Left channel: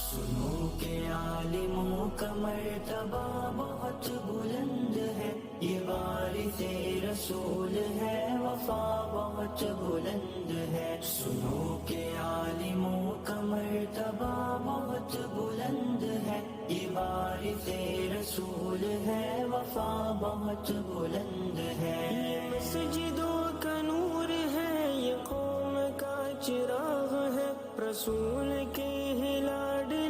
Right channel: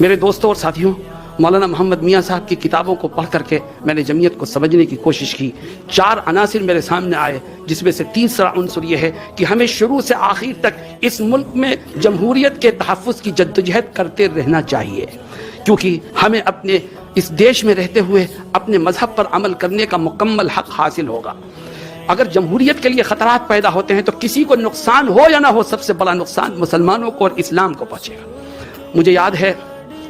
میرے دوستوں اور ساتھیوں، مولانا محمد میاں صاحب کی کتابوں کو پڑھ کر کے میں نے جمعیت کو سمجھنے کی کوشش کی۔ 4 عناصر میرے سامنے آئے، جس میں سے تیسرا عنصر یہ ہے کہ ہمیں شروع سے آخر تک اس ملک میں جمہوریت کے تحفظ کی جدوجہد کرتے رہنا چاہیے، کیونکہ ہمیں اپنے اس دیش میں رہتے ہوئے اپنے مذہب پر عمل کرنے کا مکمل حق حاصل ہوگا۔ اگر جمہوریت کے لیے خطرات پیدا ہوتے ہیں تو کسی کو نقصان ہو یا نہ ہو، سب سے بڑا نقصان مسلمانوں کو اور اسلام کو پہنچے گا۔ مجھے یاد ہے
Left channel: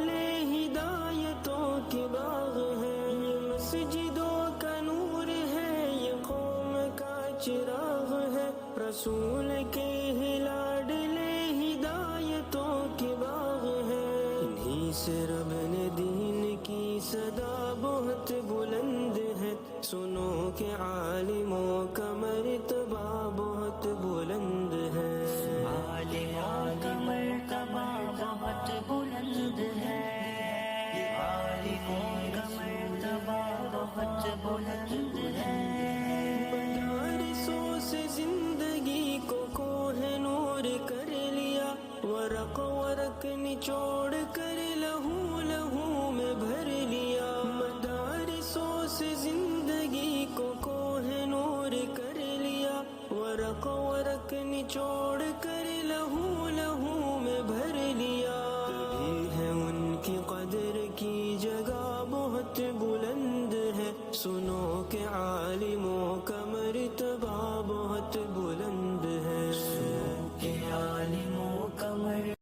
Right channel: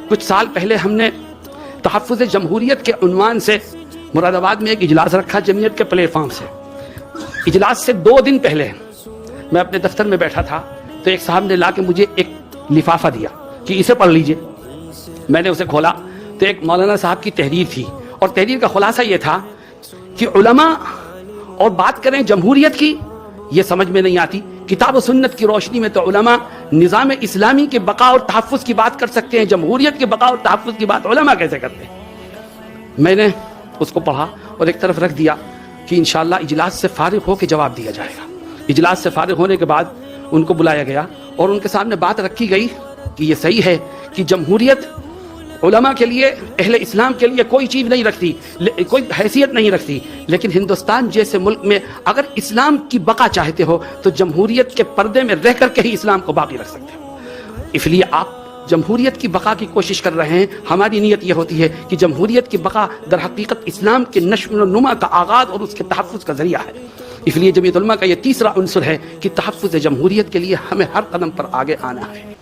کچھ سال پہلے ہم نے تحفظ جمہوریت کے عنوان سے مراد آباد میں ایک اجلاس رکھا جمعیت کے پلیٹ فارم سے۔ اجلاس سے 2 دن پہلے میں اپنے دفتر میں بیٹھا تھا تو ایک صاحب نے لا کے مجھے ایک لفافہ دیا کہ اسے پڑھ لیجئے۔ میں نے اسے کھولا تو ایک مولانا صاحب کی تحریر تھی، اور تحریر کا خلاصہ یہ تھا کہ علماء اور بات کریں جمہوریت کی، یہ سمجھ میں نہیں آتی۔ کتاب و سنت کی روشنی میں تو علماء نظام اسلامی کے بقا اور تحفظ کی بات کر سکتے ہیں، جمہوریت کے بقا اور تحفظ کی بات علماء کیسے کرتے ہیں؟ میں نے اس کو پڑھا اور ایک طرف رکھ دیا کہ انشاءاللہ اجلاس سے فارغ ہو کے جواب دیا جائے گا۔ اجلاس سے فارغ ہونے کے بعد ان کو بلایا گیا اور ان کے سامنے بات رکھی گئی کہ یہ صحیح ہے کہ جمہوریت علماء کے لیے، اہل اسلام کے لیے کوئی چیز نہیں رکھتی، کوئی حیثیت نہیں رکھتی، لیکن ہندوستان جیسے ملک میں اگر اسلام کی بقا چاہتے ہو تو جمہوریت کے پردے میں رہ کر کے ہی اسلام کو باقی رکھ سکتے ہو۔ اس لیے آپ جمہوریت کی بقا کی کوشش کر رہے ہیں، ہماری نیت یہ ہوتی ہے کہ جمہوریت کی بقا در حقیقت اسلام کے نشو و نما کا آغاز اور اس کے تحفظ کا ذریعہ ہے۔ اس لیے جمعیت علماء کا یہ تیسرا عنصر ہے کہ تحفظ جمہوریت کے لیے ہمیں ہر قدم پر آگے آنا ہے۔